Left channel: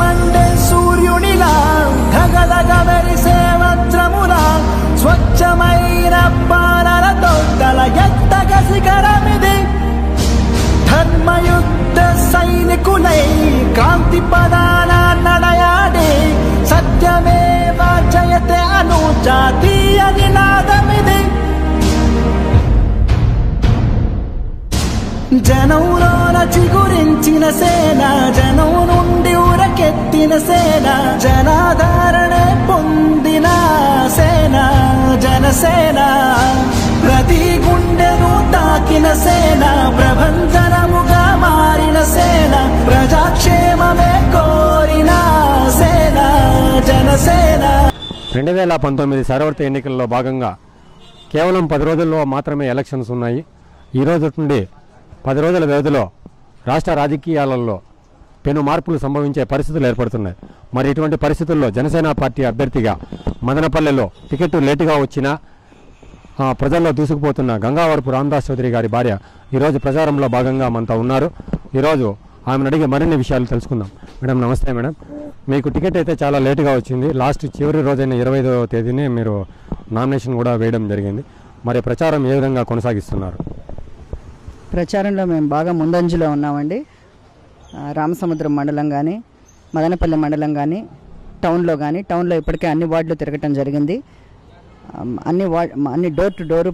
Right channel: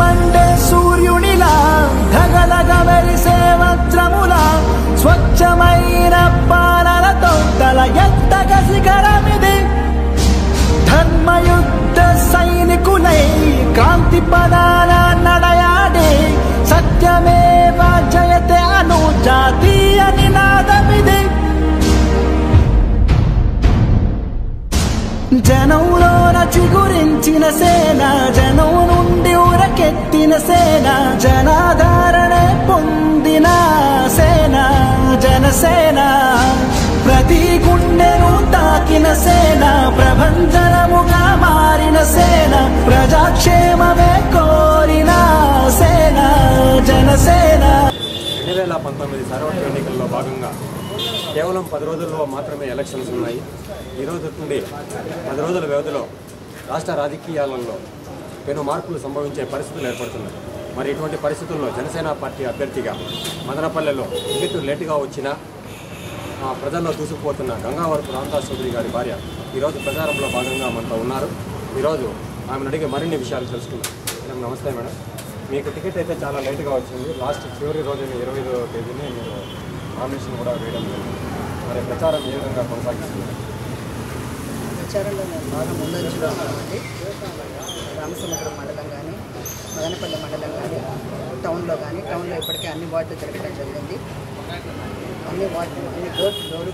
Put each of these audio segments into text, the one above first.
Monday సూర్యునిలా ధగధగ మెరిసే వజ్రములా స్వచ్ఛమైన పాలనతో తల ఎత్తగ శిఖరమిది ధర్మయుద్ధ సైనికులై కాంతి పదాన నడయాడే సత్యమేవ జయతే అను జాతీయ నినాదమిది జనంలోన చిగురించిన సేన జనం నుండి ఊరకెత్తిన సేన జనాధారణే పొందిన సేన జనసేన ప్రతి గుండెను తాకిన సేన ప్రభంజనముగా మారిన సేన ప్రజాక్షేమమే కోరిన సేన జనసేన 2019 సార్వత్రిక ఎన్నికల్లో భాగంగా కేవలం 10 రోజుల్లో మాత్రమే ఎలక్షన్స్ ఉన్నాయి. ఈ రోజు నుండి 10 రోజుల వ్యవధిలో రాష్ట్ర రాజకీయాలలో పెను మార్పులు సంభవించే పరిస్థితులు ఏర్పడుతున్నాయి. మరి ఇటువంటి పరిస్థితుల్లో జనసేన పార్టీ అభ్యర్థిగా మదనపల్లెలో టికెట్ లేటుగా వచ్చినా ప్రజల్లో దూసుకుపోతున్న గంగావరపు రామదాస్ చౌదరి గారి భార్య ఈరోజు ప్రచారంలో భాగంగా మనతో ఉన్నారు. ఈరోజు ఆమెను అడిగే మరిన్ని విషయాలు తెలుసుకుందాం. మేడం నమస్తే. మేడం, మీకు టికెట్ అయితే చాలా లేటుగా వచ్చింది. లాస్ట్ చివరి రోజైన 25వ తేదీనే మీరు నామినేషన్ కూడా వేయడం జరిగింది. మరి ప్రచారం ఏ విధంగా కొనసాగిస్తున్నారు? ప్రచారంలో మేము బాగా ముందంజలో ఉన్నామండి. రామసముద్రం మండలం కానీ మదనపల్లి మండలం కానీ టౌన్లో ఇప్పటికే అన్ని వార్డులు తిరగటం జరిగింది. అన్ని డోర్ టు డోర్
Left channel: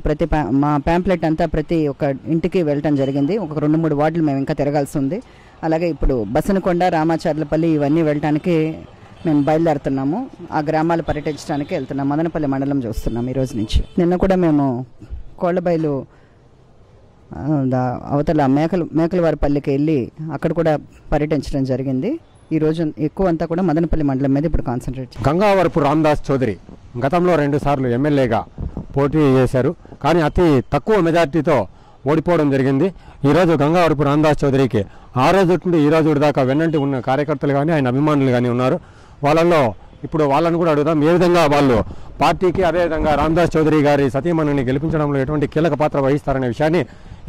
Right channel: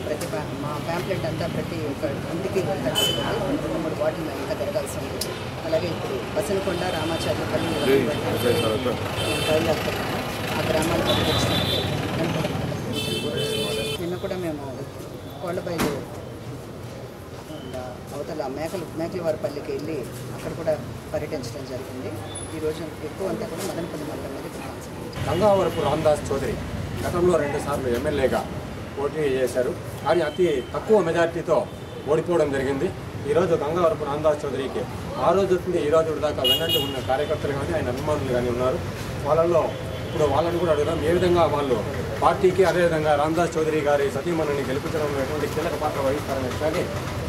మా ప్యాంప్లెట్ అంతా ప్రతి ఒక్క ఇంటికి వెళ్ళటం జరిగింది. ఒక 2-3 వార్డులు మేము ఇంకా తిరగాల్సి ఉంది. అలాగే ఇప్పుడు బసనకొండ, రామాచార్లపల్లి ఇవన్నీ వెళ్ళడానికి మేము బయలుదేరుతున్నాము. ఆ గ్రామాలు పర్యటించడానికి వెళ్తున్నాం. మదనపల్లి మండలం చూస్తున్నాం ఈ రోజు నుంచి. నిన్న కూడా మేము కోళ్లబైలు అవతల మేకలవారిపల్లికి వెళ్ళి అక్కడ కూడా పర్యటించడం జరిగింది. ఈరోజు ఎక్కువ అంతా కూడా మదనపల్లి మండలం మీద ఇప్పుడు కాన్సన్ట్రేట్. గంగావరపు రామదాస్ చౌదరి గతంలో 2 సార్లు ఎమ్మెల్యేగా పోటీ చేశారు. కానీ అతి తక్కువ మెజార్టీతో ఓడిపోవడం జరిగింది. ఈరోజు గంగావరపు రామదాస్ చౌదరికి ఆ రోజు నుండి ఈ రోజు దాకా వెన్నంటి ఉన్న కార్యకర్తలు కానీ ఆయన అభిమానులు కానీ ఉన్నారు. వాళ్ళని కూడా అడుగుదాం, ఏ విధంగా వాళ్ళు పార్టీకి అదేవిధంగా రామదాస్ చౌదరి గారి సతీమణిని గెలిపించడంలో ఎటువంటి కీలక పాత్ర వహిస్తారనే విషయాన్ని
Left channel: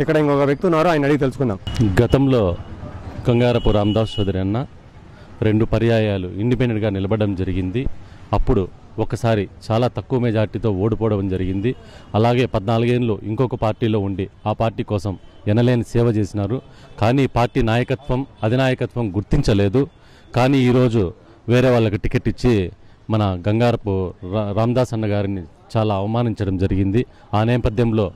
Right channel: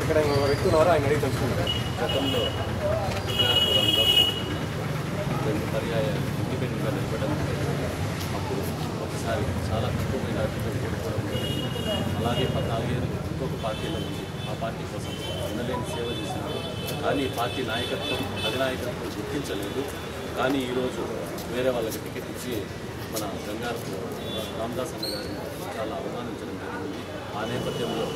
ఇక్కడ ఇంకొక వ్యక్తి ఉన్నారు, ఆయన అడిగి తెలుసుకుందాం. గతంలో గంగారపు రామదాస్ చౌదరి అన్న 2 పర్యాయాలు ఇండిపెండెంట్గా నిలబడడం జరిగింది. అప్పుడు ఒకసారి చాలా తక్కువ మెజార్టీతో ఓడిపోవడం జరిగింది. అలాగే 14 ఏళ్ళు ఇంకొక పార్టీలో ఉండి ఆ పార్టీ కోసం ఎనలేని సేవ చేసినారు. కానీ పార్టీ నాయకత్వం అధినాయకత్వం గుర్తించలేదు. కానీ ఈరోజు వేరే వాళ్ళకి టికెట్ ఇచ్చి మన గంగారపు రామదాస్ అన్న గారిని చాలా అవమానించడం జరిగింది. ఆ నేపథ్యంలో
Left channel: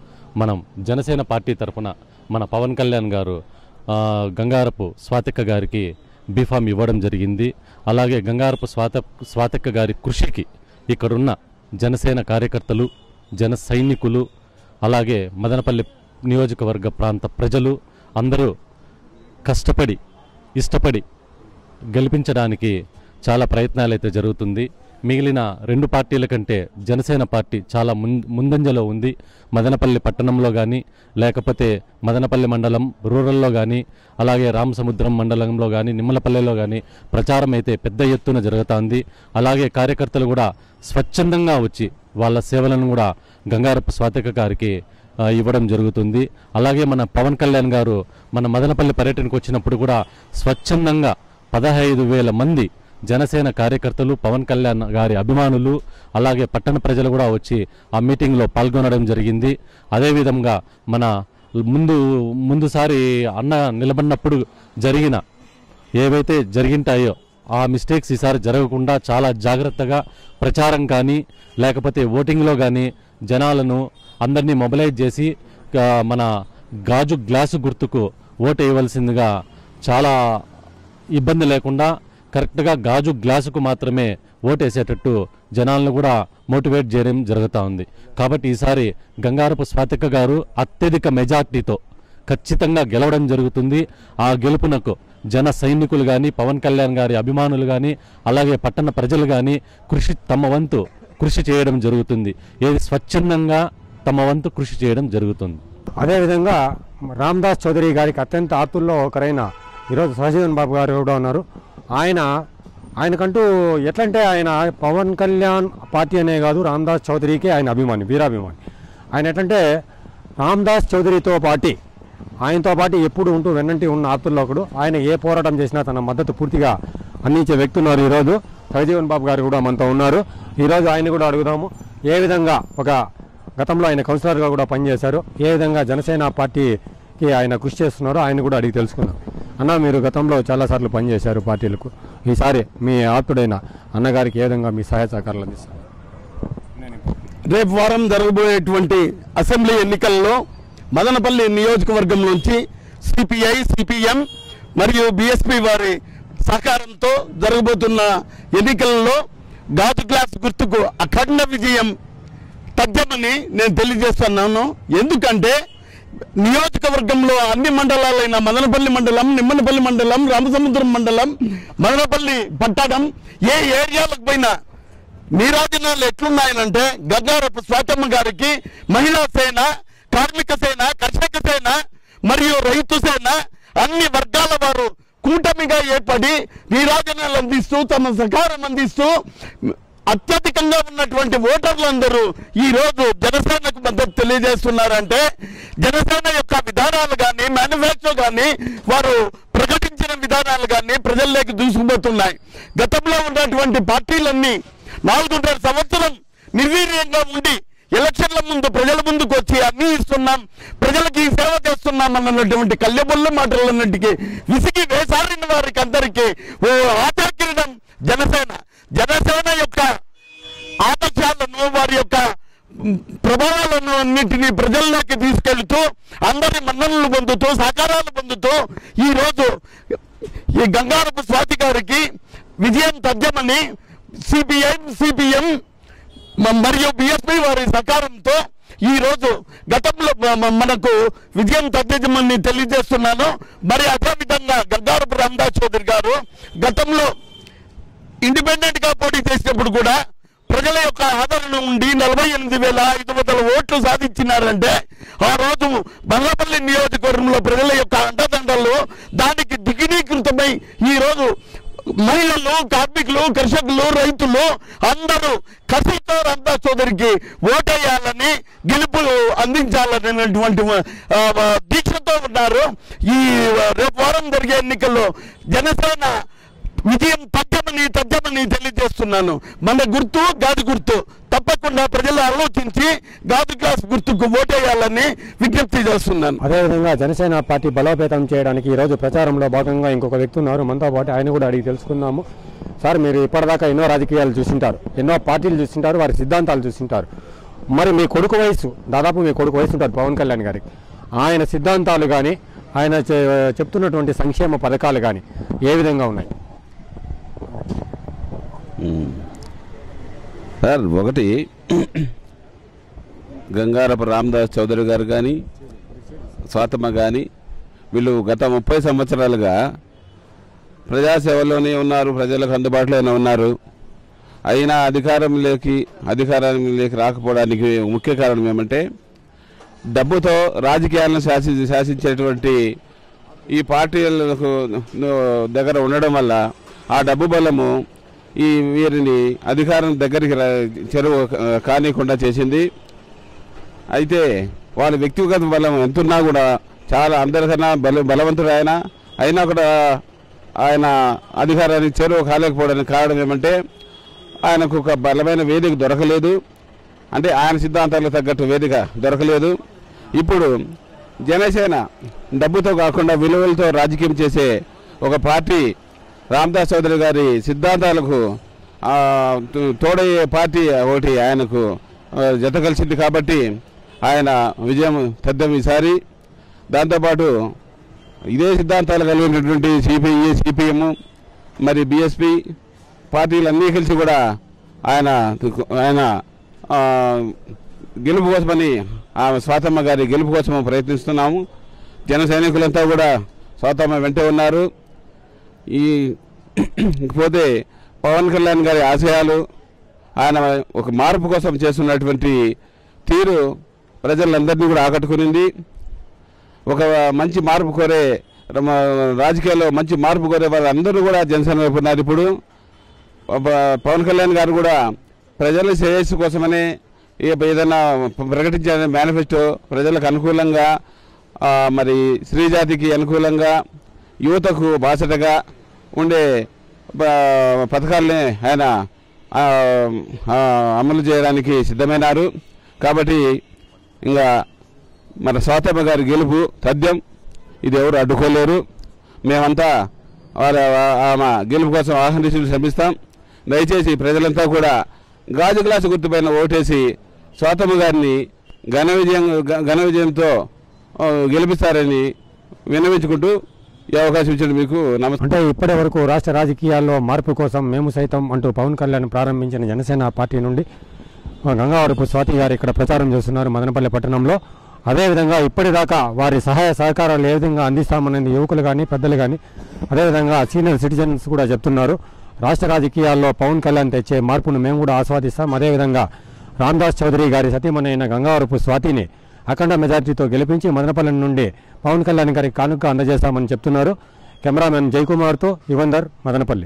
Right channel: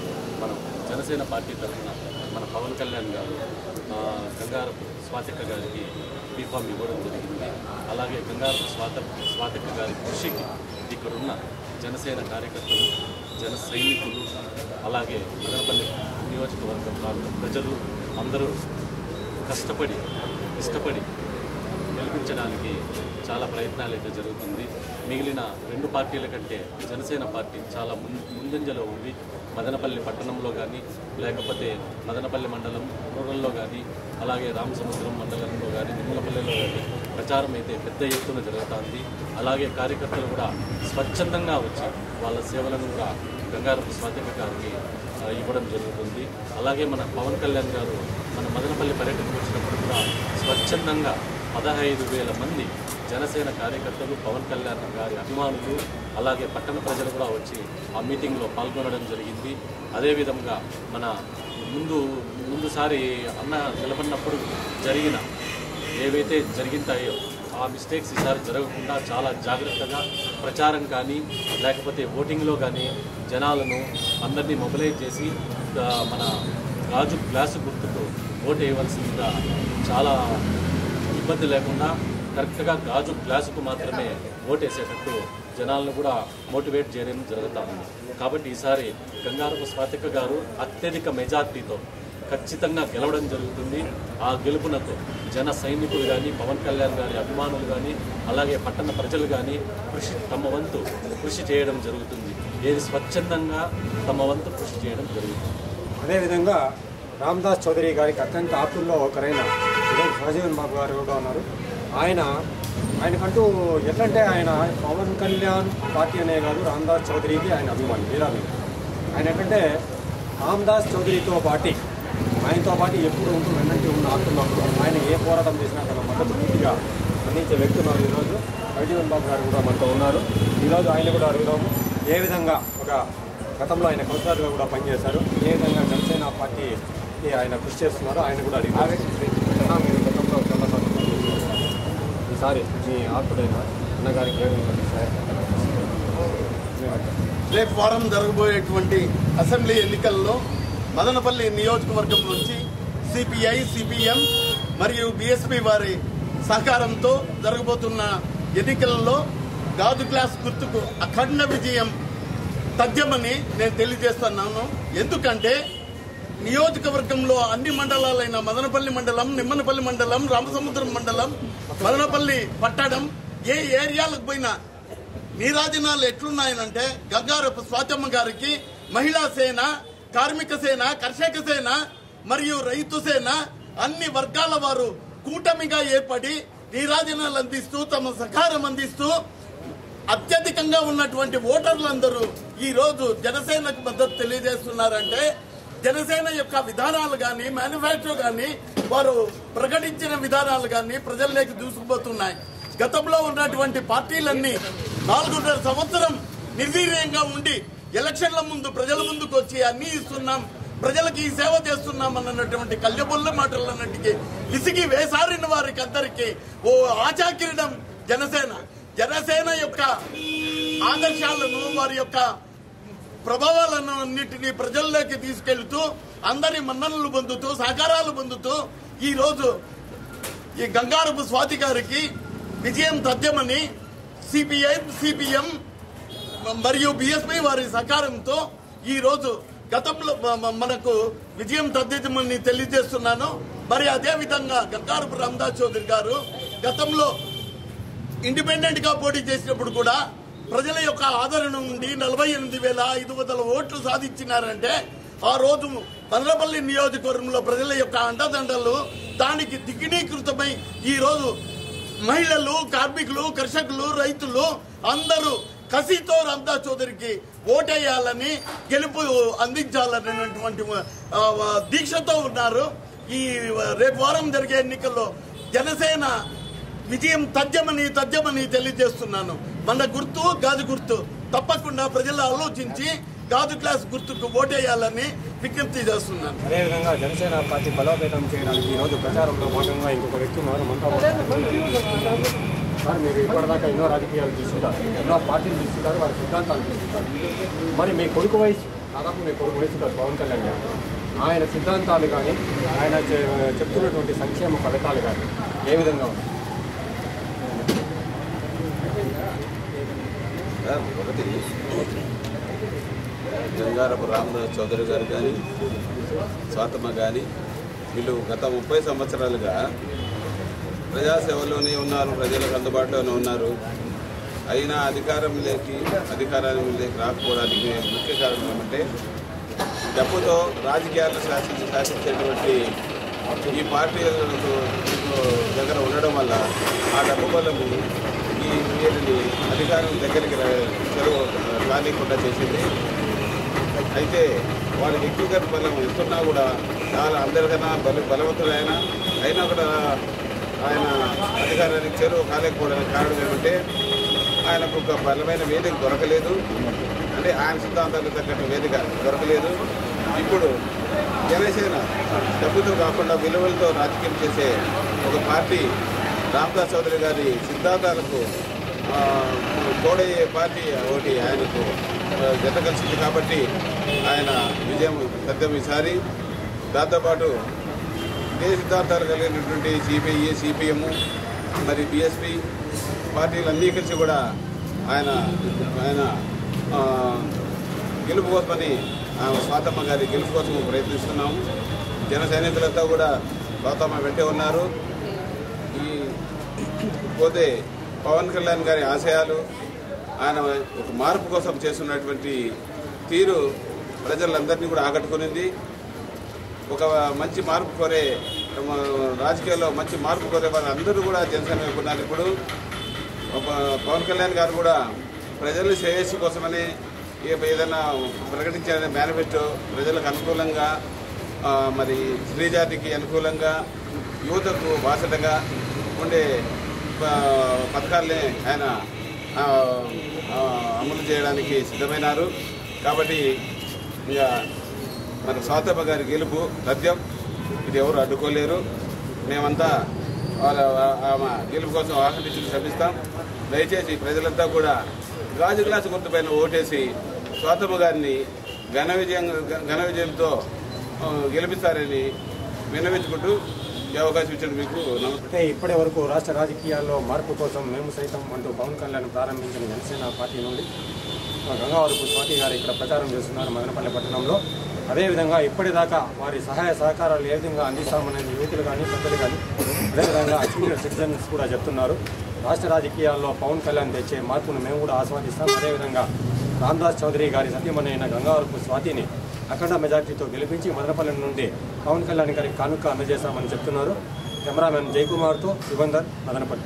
మనం జనసేన పార్టీ తరఫున మన పవన్ కళ్యాణ్ గారు గంగారపు స్వాతిక్క గారికి బీఫామ్ ఇవ్వడం జరిగింది. అలాగే గంగారపు స్వాతిక్క గారి కృషికి ఇక్కడున్న జనసేన కార్యకర్తలు, జన సైనికులు, అలాగే మదనపల్లి నియోజకవర్గ ప్రాంత ప్రజలు అందరూ కష్టపడి ఇష్టపడి గెలిపించడానికి చాలా ప్రయత్నాలు అయితే జరుగుతుంది. మిగిలిన 2 పార్టీల కంటే జనసేన పార్టీ చాలా ముందంజలో ఉంది. మదనపల్లి పట్టణంలో కానీ లేకపోతే మదనపల్లి మండలం రూరల్లో కానీ అలాగే రామసముద్రం మండలంలో కానీ నిమ్మలపల్లెలో కానీ ప్రచారం అయితే పెద్ద ఎత్తున జరుగుతుంది. అలాగే కార్యకర్తలు కూడా స్వచ్ఛందంగా వచ్చి వాళ్ళ సేవలను కూడా గంగారపు స్వాతిక గారికి ఇవ్వడం జరుగుతుంది. అలాగే మన పవన్ కళ్యాణ్ గారు మన మదనపల్లి పర్యటనకు వచ్చినప్పుడు కూడా స్వచ్ఛందంగా 15,000 మంది జనసేన కార్యకర్తలు, పవన్ కళ్యాణ్ గారి అభిమానులు, అలాగే పట్టణ ప్రజలు కూడా వచ్చి ఆ మీటింగ్లో పాల్గొనడం జరిగింది. అదేవిధంగా మన ముందుసారి అన్న నిలబడినప్పుడు ఏవైతే జరిగింటాయో ఆ మిస్టేక్స్ ఈసారి జరగకుండా చాలా జాగ్రత్తగా ప్రచారం కానీ లేకపోతే ఓటింగ్లో కానీ జనాలను అందరినీ మొబిలైజ్ చేసి మన గాజు గ్లాసు గుర్తుకు ఓటు వేయవలసిందిగా చాలా ఇబ్బంది లేకుండా కరెక్ట్గా గాజు గ్లాసుకు మాత్రమే ఓటేసేటట్టు జనాలను కూడా మోటివేట్ చేయడం జరుగుతూ ఉంది. కాబట్టి ఈసారి గంగారపు స్వాతిక గారు అత్యధిక మెజార్టీతో ఖచ్చితంగా గెలవడం జరుగుతుంది. ఆ గెలుపునకు జన సైనికులు కానీ పవన్ కళ్యాణ్ గారి అభిమానులు కానీ అలాగే పట్టణ ప్రజలు కానీ తమ వంతు కృషి చేయడం జరుగుతుంది. ఏది స్వచ్ఛందంగా తమ వంతు కృషి చేయడం జరుగుతుంది. అదేవిధంగా రామదాస్ చౌదరి గారికి అత్యంత ఆతుల్లో ఒకరైన ఈరోజు సహజీవన్ బాబు గారు కూడా ఉన్నారు. ఆయనకంటూ ఎట్లంటే ఆయన పవన్ కళ్యాణ్ పార్టీ అనే కాదు, రామదాస్ చౌదరికి ఆయన అభిమాని, వీరాభిమాని. ఆయన ఎట్లంటే రామదాస్ చౌదరితో పాటు ఆయనతో పాటు ఎప్పుడు ఉంటూ వెన్నంటి ఉన్న ఆతుల్లో ఆయన ఏ పోరాటం చేసినా తన మద్దతు పూర్తిగా అందించే వ్యక్తి ఉన్నారు. ఈరోజు ప్రజీవన్ బాబు గారు కూడా మనతో ఉన్నారు. ఈరోజు ఆయన కూడా అడుగుదాము, ఏ విధంగా ఒక గతంలో ఆయన కౌన్సిలర్గా కూడా పనిచేశారు, ఏ విధంగా జనసేన పార్టీకి ఆయన కృషి చేస్తున్నారో ఆయన కూడా అడిగి తెలుసుకుంటారు. అన్న, మీరు గతంలో చాలాసార్లు పనిచేశారు పార్టీలకు, ఈసారి మీ ఆప్తుడైన అన్నగారికి ఏ విధంగా మీ సహాయ సహకారాలు అందిస్తారు? రేపు వారం జరగబోయేటువంటి అసెంబ్లీ ఎన్నికల్లో మదనపల్లి నియోజకవర్గం నుంచి సిపిఐ, సిపిఎం మరియు బిఎస్పి వారి సహకారంతో జరగబోతున్న ఎన్నికల్లో గాజు గ్లాస్ గుర్తుకు అఖండ విజయం తథ్యమని నేను తెలియజేస్తున్నాను. ఎందుకంటే నియోజకవర్గంలో అన్ని మండలాలైన మదనపల్లి మండలం, నిమ్మనపల్లి మండలం, రామసముద్రం మండలం, మదనపల్లి పట్టణం ఏ ఏరియాలకు పోయినా నీరాజనాలు ఎట్లున్నాయనంటే గంగారపు స్వాతమ్మ గారికి మహిళా సేన, కార్మిక సేన, కర్షక సేన మరియు రైతు సేన అన్ని వర్గాల వారు కూటమిగా ఏర్పడి నీరాజనాలు అందిస్తూ తమ సహకారం అందిస్తూ అత్యధికంగా ఉన్నటువంటి ఓటర్లందరూ ఈ రోజు జనసేనకు మద్దతు తెలియజేస్తున్నారంటే జనసేన యొక్క విధానాలు కానీ, మేనిఫెస్టో కానీ, వారు ప్రకటించిన విధానాలు కానీ ప్రజల్లోకి దూసుకుపోతున్నాయి. గతంలో ఉన్నటువంటి పార్టీలన్నీ 4.5 సంవత్సరం నిర్వీర్యంగా ఉండి ఎలక్షన్ల ముందు ప్రజల ముందుకు వచ్చి అన్ని ఇస్తున్నాం, ప్రజలకి సేవ చేస్తున్నాం అన్నటువంటి కళ్ళెబొల్లు మాటలన్నింటికి విసిగి వేసారిన వారికి అందరికీ ఓ ఆచార్యం జనసేన యొక్క ఆదర్శాలను, వారి యొక్క ప్రభావాలను అన్నింటినీ ప్రజల్లోకి తీసుకెళ్తూ అందరి మన్ననలు పొందుతూ సహకారాలు పొందుతూ ఈ రోజు ఈ గంగారపు స్వాతి గారికి విజయం తథ్యమని సిపిఐ, సిపిఎం మరియు బిఎస్పి వారి సహకారంతో ఈ రోజు గతంలో మనకు విజయం తథ్యమని తెలియజేస్తున్నాను. మరి అదే విధంగా గంగారపు రామదాస్ చౌదరి గారు గతంలో ఇండిపెండెంట్ గా పోటీ చేసినప్పుడు కూడా ప్రజల యొక్క ఆదరణ ఉండి 48,500 ఓట్లు సాధించినారంటే ఆ రోజు బంగ్లాపల్లి నియోజకవర్గంలో ప్రజల యొక్క అండదండలు దానికి దిగినీకృతమై ఈ రోజు మహిళలు, కార్మికులు, కర్షకులు, రైతులు అందరూ కసితో రామదాస్ చౌదరికి ఓటేయాలని, గెలుపు అందించాలనేటువంటి దీక్షతో ఉన్నారు. ఈ రేపు వారం జరిగే ఎన్నికల్లో జనసేన విజయం తథ్యమని తెలియజేస్తున్నాను. మన గుర్తు గాజు గుర్తు, తప్పకుండా ప్రజలు ఆలోచించి గాజు గ్లాస్ గుర్తుకు ఓటేయాలని విజ్ఞప్తి చేస్తున్నాను. అదేవిధంగా జనసేన పార్టీ బలోపేతం చేయడానికి ఈరోజు ప్రచారంలో భాగంగా ఇంకొక వ్యక్తి ఉన్నారు మనతో పాటు, ఆయన కూడా అడిగి తెలుసుకుందాము. సార్, మీరు ఇప్పటిదాకా ఎన్నో రాజకీయాలు చూస్తుంటారు, ఎన్నో పార్టీలు చూస్తుంటారు, వారి సిద్ధాంతాలు చూస్తుంటారు. మరి మీ కొడుకు వయసు, దాదాపు మీ కొడుకు వయసు ఉంటుంది పవన్ కళ్యాణ్ గారి, ఆయన సిద్ధాంతాలు కానీ ఆయన చెప్తున్నటువంటి సంక్షేమ పథకాలు కానీ ఏ విధంగా ఉన్నాయి? సార్, ఒకటి గంగారపు రామదాస్ చౌదరి గారు కానీ, స్వాతమ్మ కానీ, వీళ్ళు గత 30 సంవత్సరాలుగా ప్రజాసేవలోనే ఉన్నారు, ప్రజలకు అందుబాటులోనే ఉన్నారు. అయినా అధికారానికి రాకపోవడానికి ముఖ్య కారణం ఏమంటే డబ్బుతో రాజకీయాలను శాసించేటువంటి ఈ పార్టీలకు దగ్గర ఉండడం వల్ల ఆ డబ్బు బలము వీరిని అధికారం దగ్గరికి చెరువు కానీయకుండా చేసింది. అయితే వారి వ్యక్తిగత బలం ఎంతున్నా కూడా చాలా అందరికన్నా బలవంతుడు అయినా కూడా ఆయన అధికారానికి చెరువు కాలేకపోవడానికి కారణం ఏమంటే ఆయనకు ఒక బలమైన వేదిక దొరకలేదు, అంటే ఆయన సిద్ధాంతాలకు తగ్గట్టు వేదిక దొరకలేదు. ఇప్పుడు జనసేన డబ్బుతో కాకుండా విలువలతో రాజకీయం చేసే ఒక పార్టీ రామదాస్ చౌదరి గారి సిద్ధాంతాలకు తోడయ్యే పార్టీ ఒకటి ఆయనకు జత కలిసింది కాబట్టి ఆయన విజయం తథ్యం ఈసారి. దాంతోపాటు ఇదే సిద్ధాంతాలు కలిగినటువంటి సిపిఐ, సిపిఎం మరి బిఎస్పి పార్టీలన్నీ కలిసి కూడా ఆయన గెలుపు కోసమని స్వాతమ్మ గారి గెలుపు కోసం ప్రయత్నిస్తున్నాము. జన సైనికులంతా కూడా స్వాతమ్మ వెంటే ఉన్నారు. పోతే పవన్ కళ్యాణ్ గారి ఆశయాలు, ఆయన ఒక మార్పు కోసం చేస్తున్నటువంటి తీరు ప్రజలందరినీ కూడా ఆకట్టుకునింది. ఒక మంచి మార్పు కోరే రాజకీయాల్లో మంచి మార్పు కోరే వారు అందరూ కూడా జనసేన వైపు ఉన్నారు. ఇప్పుడు పవన్ కళ్యాణ్ గారు కూడా ప్రజల శ్రేయస్సు కోసమని ఏదైనా ప్రకటించిన మేనిఫెస్టో ప్రజలకు అనుకూలంగా, మరి స్త్రీ జాతికి అనుకూలంగా, యువతకు బాసటగా ఉండే పథకాలని ఆయన అమలు చేయడానికి సిద్ధమైనారు. కాబట్టి ఇంకా మన స్వాతమ్మ గారి గెలుపు తథ్యం, ఇది ఎవరు అడ్డుకోలేరు. మేమంతా ఆమె గెలుపు కోసం ఆహ్వానించి శ్రమిస్తాం. దయచేసి ప్రజలంతా కూడా గాజు గ్లాసు గుర్తుపైన ఓటేసి స్వాతమ్మ గారిని ఘన విజయంతో గెలిపిస్తారని విన్నవించుకుంటూ ఈ అవకాశం ఇచ్చిన మీకు నమస్కారం. అంటే ఇప్పటి వరకు రాష్ట్ర రాజకీయాల్లో మార్పు కోసం మేము సైతం అంటూ పవన్ కళ్యాణ్ ప్రారంభించిన జనసేన పార్టీ నుండి గంగావరపు స్వాతి గారు ఇక్కడ ప్రచారం చేస్తున్నారు మదనపల్లి పట్టణంలో. అదేవిధంగా ఇప్పటిదాకా వారి సహాయ సహకారాలు ఏ విధంగా అందిస్తామనేది యువకులు కానీ పెద్దలు కానీ అదేవిధంగా సీనియర్ సిటిజన్స్ కూడా చెప్తున్నారు. రాష్ట్ర రాజకీయాల్లో పవన్ కళ్యాణ్ తెచ్చే మార్పును మేము కూడా ఆస్వాదిస్తాం. అదేవిధంగా రామదాస్ చౌదరి గారి సతీమణి అయిన గంగావరపు స్వాతిని అఖండ మెజార్టీతో గెలిపించి మదనపల్లి నుండి పవన్ కళ్యాణ్ గారికి కానుక అందజేస్తామని చెప్తున్నారు. కెమెరామెన్ జయకుమార్తో యువందర్, మదనపల్లి.